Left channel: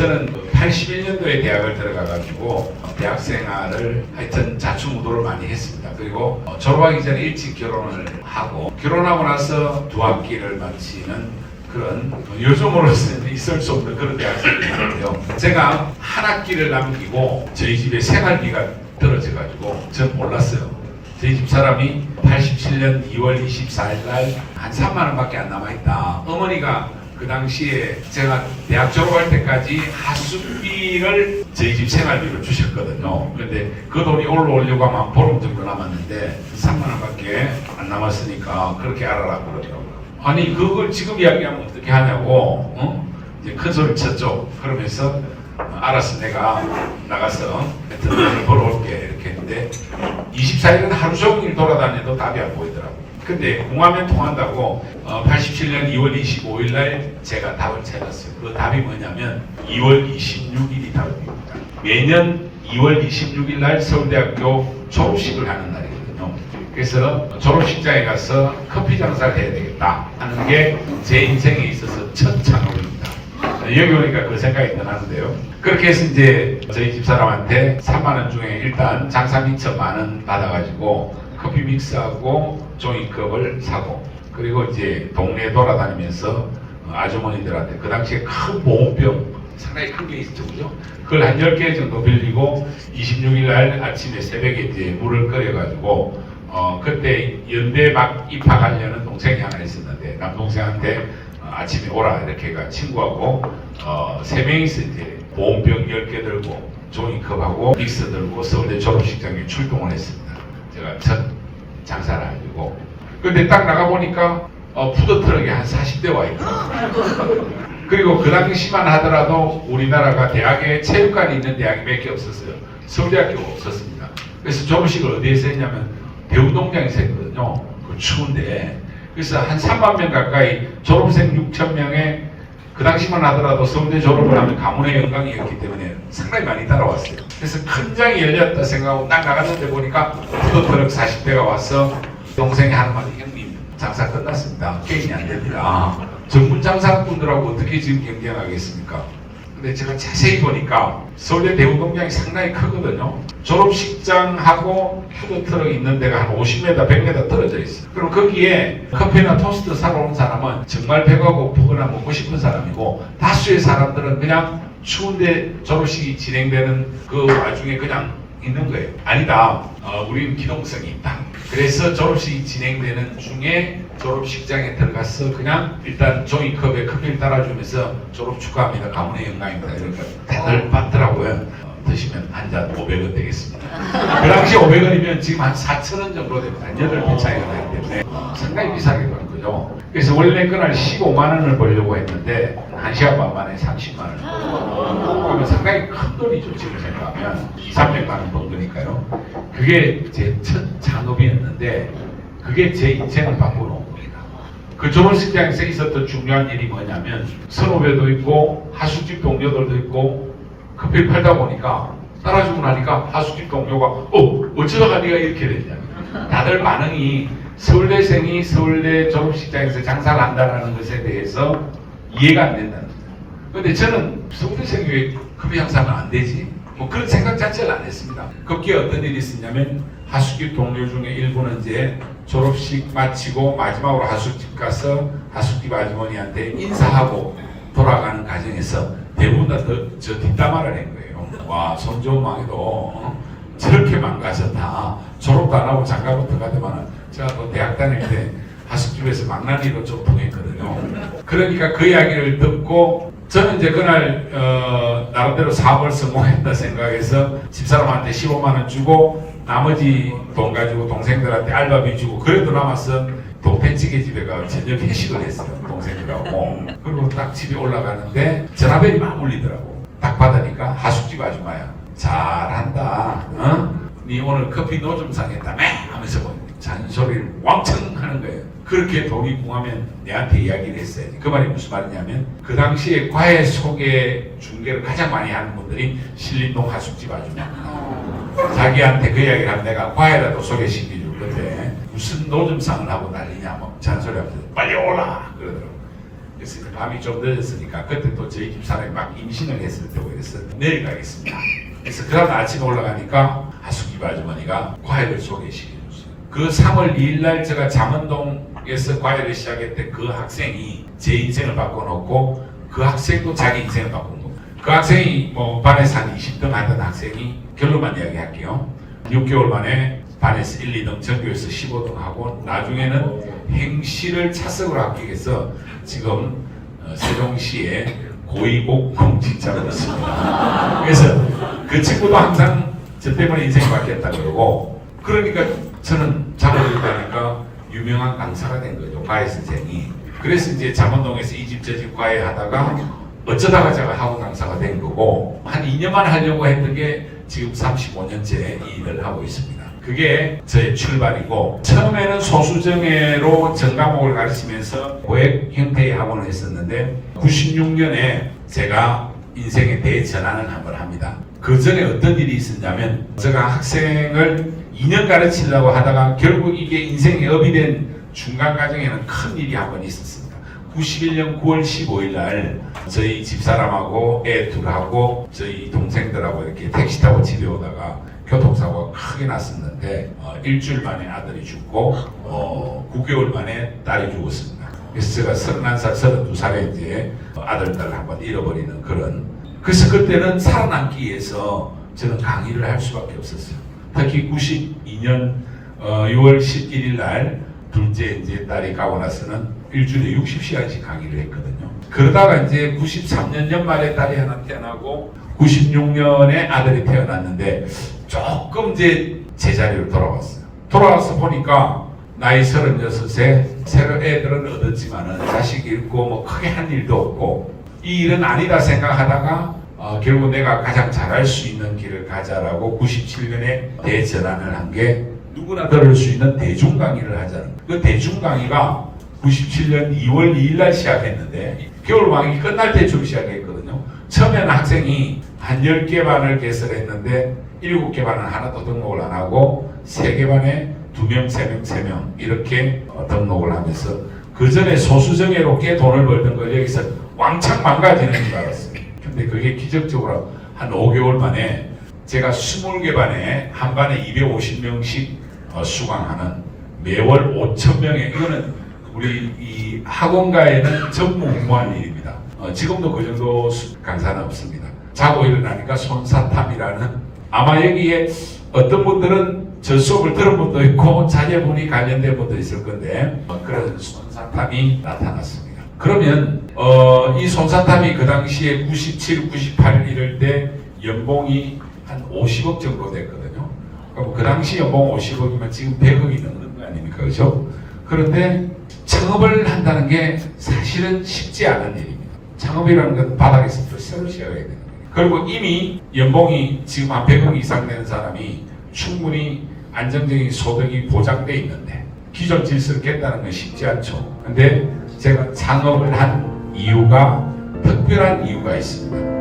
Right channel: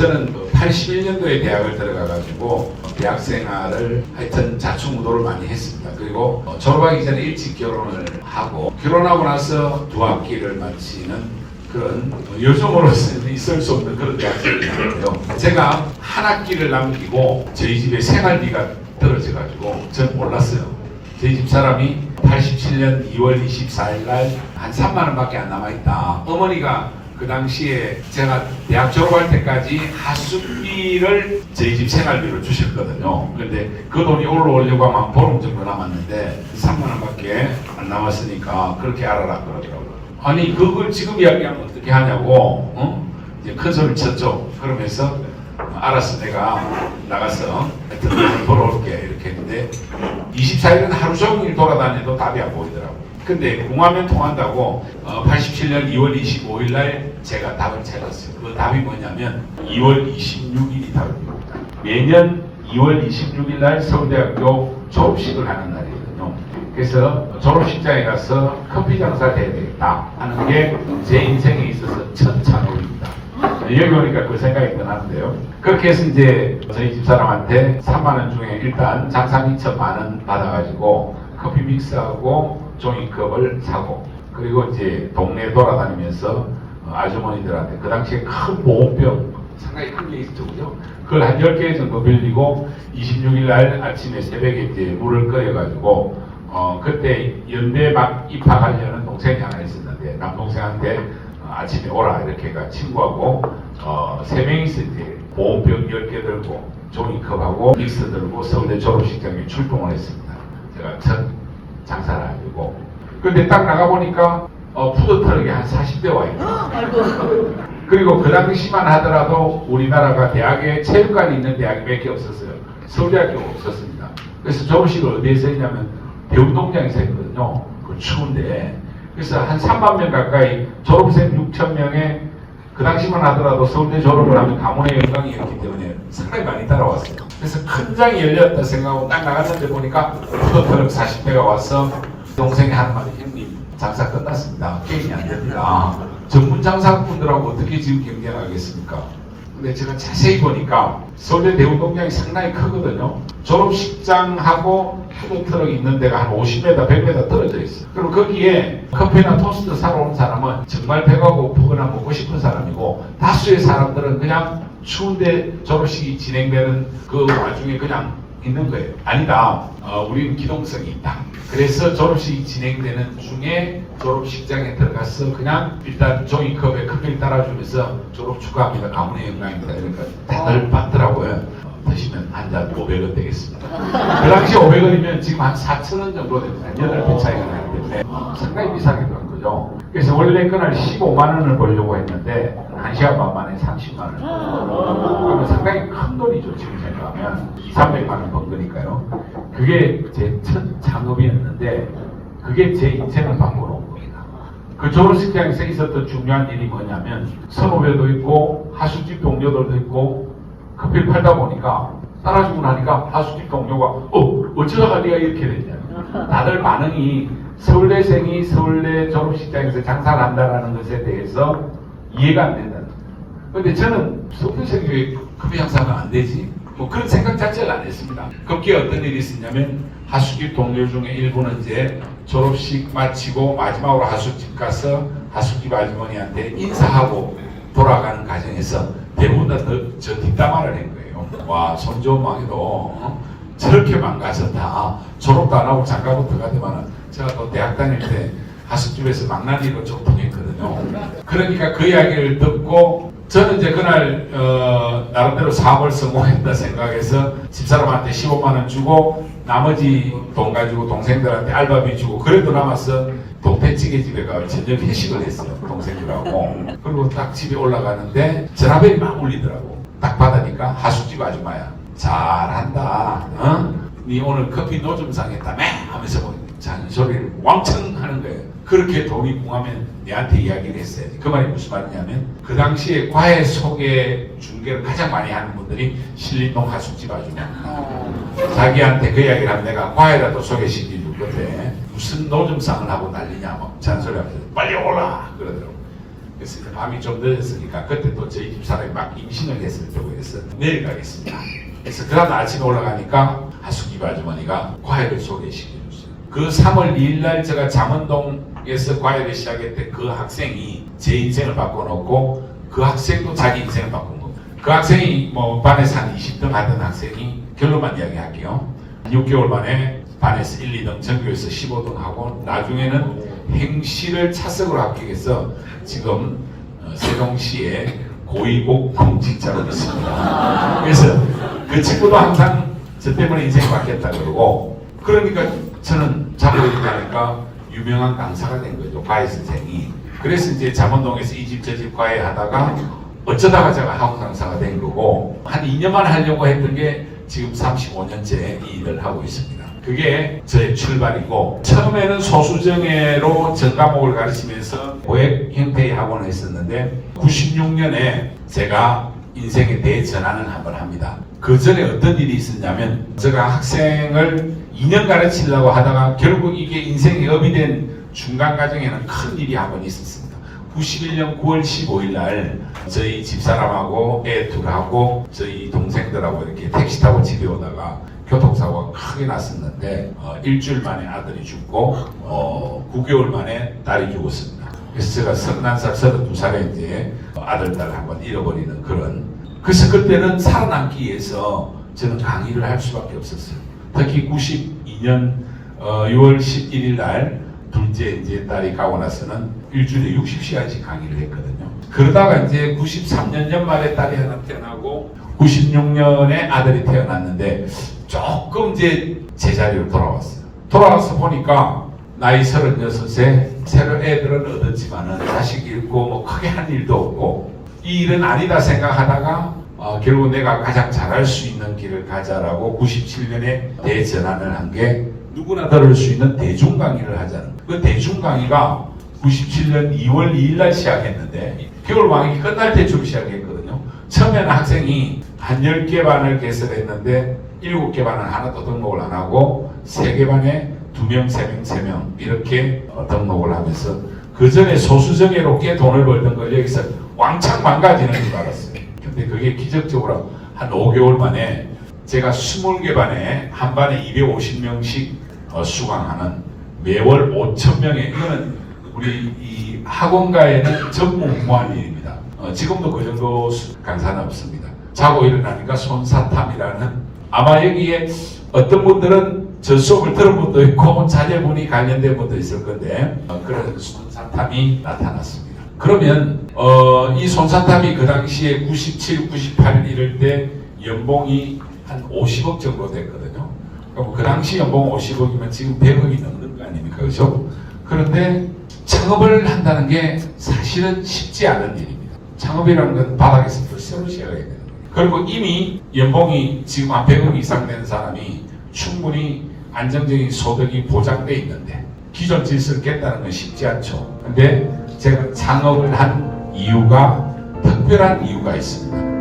저는 81년도에 대학을 들어가가지고 대학 생활을 하여튼 자충우도를 많이 했습니다. 그리고 졸업하기 전에 일찍 결혼을 하고 결혼하고 나서 두 학기를 마치는 그런 요즘으로서는 있을 수 없는 그런 대학생이었는데요. 제가 한 학기를 남기고 저희 집에 생활비가 떨어져가지고 저는 몰랐어요. 저희 집 사람이 87년 2월 24일 날 한 3만 원밖에 안 남아있다. 어머니가 그 당시에 제가 대학 졸업할 때까지 하숙비를 저희 집 생활비로 주셨거든요. 그런데 그 돈이 올라오려고 하면 한 보름 정도 남았는데 3만 원밖에 안 남았으니까 그렇게 알아라 그러더라고요. 아니 그걸 지금 이야기하면 어떻게 하냐고 이제 큰 소리 쳤죠. 그러면서 알았어 내가 나가서 하여튼 벌어올게 이렇게 했는데 24일은 하루 종일 돌아다니도 답이 안 보이더라고요. 근데 궁하면 통한다고 87년 2월 25일 날 제가 답을 찾았어요. 그 답이 뭐냐면 2월 26일이 답입니다. 매년 2월 26일 날 서울대학교 졸업식을 하는 날이거든요. 그래서 졸업식장에 가서 커피 장사를 해야 되겠다 하는 게 제 인생에 있어서 첫 창업입니다. 여기 오니까 그 생각이 더 나는데요. 그렇게 해서 이제 저희 집사람한테 3만 원 중에 일단 장사비 1,000만 원 받아가지고 커피 믹스하고 종이컵을 사고 그리고 이제 동네 돌아다니면서 아주머니들한테 그 당시에 큰 보온병 상당히 큰 게 있죠, 그죠? 그걸 한 10개 정도 빌리고 26일 날 아침에 새벽에 이제 물을 끓여가지고 그때 연대 막 입학하려는 동생이 하나 있었는데 남동생한테 아침에 오라 이렇게 가 친구하고 3명이서 이제 보온병 10개 들고 종이컵하고 믹스 들고 서울대 졸업식장에 출동을 했습니다. 제가 첫 장사를 하고 근데 딱 나가보니까 푸드트럭이 한 40대 와 있더라고요. 그리고 그 당시만 하더라도 우리나라가 대학에 체육관이 있는 대학이 몇 개 없었어요. 서울대학교가 없었습니다. 그래서 졸업식을 어디에서 했냐면 대운동장에서 했거든요. 그 추운데 그래서 한 3만 명 가까이 졸업생 6천 명에 그 당시만 하더라도 서울대 졸업을 하면 가문의 영광이었기 때문에 상당히 많이 따라왔어요. 그래서 큰 장이 열렸다 생각하고 딱 나갔는데 보니까 푸드트럭 40대가 와서 동생이 하는 말이 형님 장사 끝났습니다. 게임이 안 됩니다. 전문 장사꾼들하고 어떻게 지금 경쟁하겠습니까? 근데 제가 자세히 보니까 서울대 대운동장이 상당히 크거든요. 졸업식장하고 푸드트럭 있는 데가 한 50m, 100m 떨어져 있어요. 그럼 거기에 커피나 토스트 사러 온 사람은 정말 배가 고프거나 먹고 싶은 사람이고 다수의 사람들은 그냥 추운데 졸업식이 진행되는 그 와중에 그냥 있는 거예요. 아니다. 우리는 기동성이 있다. 그래서 졸업식이 진행되는 중에 졸업식장에 들어가서 그냥 일단 종이컵에 커피를 따라주면서 졸업 축하합니다. 가문의 영광입니다. 그러니까 다들 받더라고요. 드시면 한 잔 500원 되겠습니다. 그 당시 500원이면 지금 한 4,000원 정도 됩니다. 8배 차이가 나기 때문에 상당히 비싸게 건 거죠. 그래서 원래 그날 15만 원을 벌려고 했는데 1시간 반 만에 30만 원. 그러면 상당히 큰 돈이죠. 지금 생각하면 200~300만 원 번 거니까요. 그게 제 첫 창업이었는데 그게 제 인생을 바꿔놓은 겁니다. 그 졸업식장에서 있었던 중요한 일이 뭐냐면 선후배도 있고 하숙집 동료들도 있고 커피를 팔다 보니까 따라주고 나니까 하숙집 동료가 어쩌다가 네가 이렇게 됐냐. 다들 반응이 서울대생이 서울대 졸업식장에서 장사를 한다는 것에 대해서 이해가 안 된다는 거예요. 근데 저는 서울대생이 왜 커피 장사는 안 되지? 뭐 그런 생각 자체를 안 했습니다. 거기에 어떤 일이 있었냐면 하숙집 동료 중에 일부는 이제 졸업식 마치고 마지막으로 하숙집 가서 하숙집 아주머니한테 인사하고 돌아가는 과정에서 대부분 다 저 뒷담화를 한 거예요. 와, 손좋은 망해도 저렇게 망가졌다. 졸업도 안 하고 장가부터 가더만은 제가 또 대학 다닐 때 하숙집에서 망나니로 좀 통했거든요. 그러니까 그 이야기를 듣고 저는 이제 그날 나름대로 사업을 성공했다 생각해서 집사람한테 15만 원 주고 나머지 돈 가지고 동생들한테 알바비 주고 그래도 남아서 동태찌개 집에 가 저녁 회식을 했어요. 동생들하고. 그리고 딱 집에 올라가는데 전화벨이 막 울리더라고. 딱 받으니까 하숙집 아줌마야. 잘한다. 니 오늘 커피 노점상 했다며? 하면서 뭐 잔소리를 왕창 하는 거예요. 그렇게 돈이 궁하면 내한테 이야기를 했어야지. 그 말이 무슨 말이냐면 그 당시에 과외 소개 중개를 가장 많이 하는 분들이 신림동 하숙집 아줌마입니다. 자기한테 그 이야기를 하면 내가 과외라도 소개시켜줄 건데 무슨 노점상을 하고 난리냐 뭐 잔소리하면서 빨리 오라 그러더라고. 그래서 이제 밤이 좀 늦었으니까 그때 또 저희 집사람이 막 임신을 했을 때고 해서 내려가겠습니다. 그래서 그 다음 아침에 올라가니까 하숙집 아주머니가 과외를 소개시켜줬어요. 그 3월 2일 날 제가 잠원동에서 과외를 시작했을 때 그 학생이 제 인생을 바꿔놓고 그 학생도 자기 인생을 바꾼 겁니다. 그 학생이 뭐 반에서 한 20등 하던 학생이 결론만 이야기할게요. 6개월 만에 반에서 1, 2등, 전교에서 15등 하고 나중에는 행시를 차석으로 합격해서 지금 세종시의 고위공 공직자로 있습니다. 그래서 그 친구도 항상 저 때문에 인생이 바뀌었다 그러고, 그러니까 저는 작업을 유명한 강사가 된 거죠. 과외 선생이. 그래서 이제 잠원동에서 이 집 저 집 과외 하다가 어쩌다가 제가 학원 강사가 된 거고, 한 2년만 하려고 했던 게 지금 35년째 이 일을 하고 있습니다. 그게 저의 출발이고, 처음에는 소수정예로 전 과목을 가르치면서 고액 형태의 학원을 했었는데 96년에 제가 인생의 대전환을 한번 합니다. 그 전에 어떤 일이 있었냐면, 제가 학생을 2년 가르치려고 하다가 결국 이게 인생의 업이 된 중간 과정에는 큰 일이 한번 있었습니다. 91년 9월 15일 날 저희 집사람하고 애 둘하고 저희 동생들하고 이렇게 택시 타고 집에 오다가 교통사고가 크게 났었는데 일주일 만에 아들이 죽고 9개월 만에 딸이 죽었습니다. 그래서 제가 31살, 32살에 이제 아들, 딸을 한번 잃어버리는 그런. 그래서 그때는 살아남기 위해서 저는 강의를 할 수밖에 없었어요. 특히 92년 6월 11일 날 둘째 이제 딸이 가고 나서는 일주일에 60시간씩 강의를 했거든요. 그러다가 이제 93년 연말에 딸이 하나 태어나고 96년에 아들이 태어났는데 조금 이제 제자리로 돌아왔어요. 돌아와서 보니까 나이 36세, 새로 애들은 얻었지만은 자식 잃고 뭐 크게 한 일도 없고, 이 일은 아니다 생각하다가 결국 내가 가장 잘할 수 있는 길을 가자라고 97년에 대전환을 한 게 누구나 들을 수 있는 대중 강의를 하자는 거예요. 그 대중 강의가 97년 2월 2일 날 시작했는데 겨울방학이 끝날 때쯤 시작했거든요. 처음에는 학생이 한 10개 반을 개설했는데 7개 반은 하나도 등록을 안 하고 3개 반에 2명, 3명, 3명 이렇게 등록을 하면서 그 전에 소수정예로 꽤 돈을 벌던 걸 여기서 왕창 망가지는 줄 알았어요. 근데 그게 기적적으로 한 5개월 만에 제가 20개 반에 한 반에 250명씩 수강하는 매월 5,000명의, 이거는 우리 이 학원가에는 전무후무한 일입니다. 지금도 그 정도 강사는 없습니다. 자고 일어나니까 손사탐이라는, 아마 여기에 어떤 분들은 저 수업을 들은 분도 있고 자녀분이 관련된 분도 있을 건데 그런 손사탐이 나타났습니다. 그러면 이 손사탐이 그 당시에 97, 98 이럴 때 연봉이 한 50억 정도 됐거든요. 그럼 그 당시 연봉 50억이면 지금 100억이 넘는 거 아닙니까? 그렇죠? 그런데 창업을 한다는 게 사실은 쉽지 않은 일입니다. 창업이라는 건 바닥에서부터 새로 시작해야 되는 거예요. 그리고 이미 연봉이 지금 한 100억 이상 되는 사람이 충분히 안정적인 소득이 보장돼 있는데 기존 질서를 깼다는 건 쉽지 않죠. 근데 제가 창업을 한 이유가, 특별한 이유가 있습니다.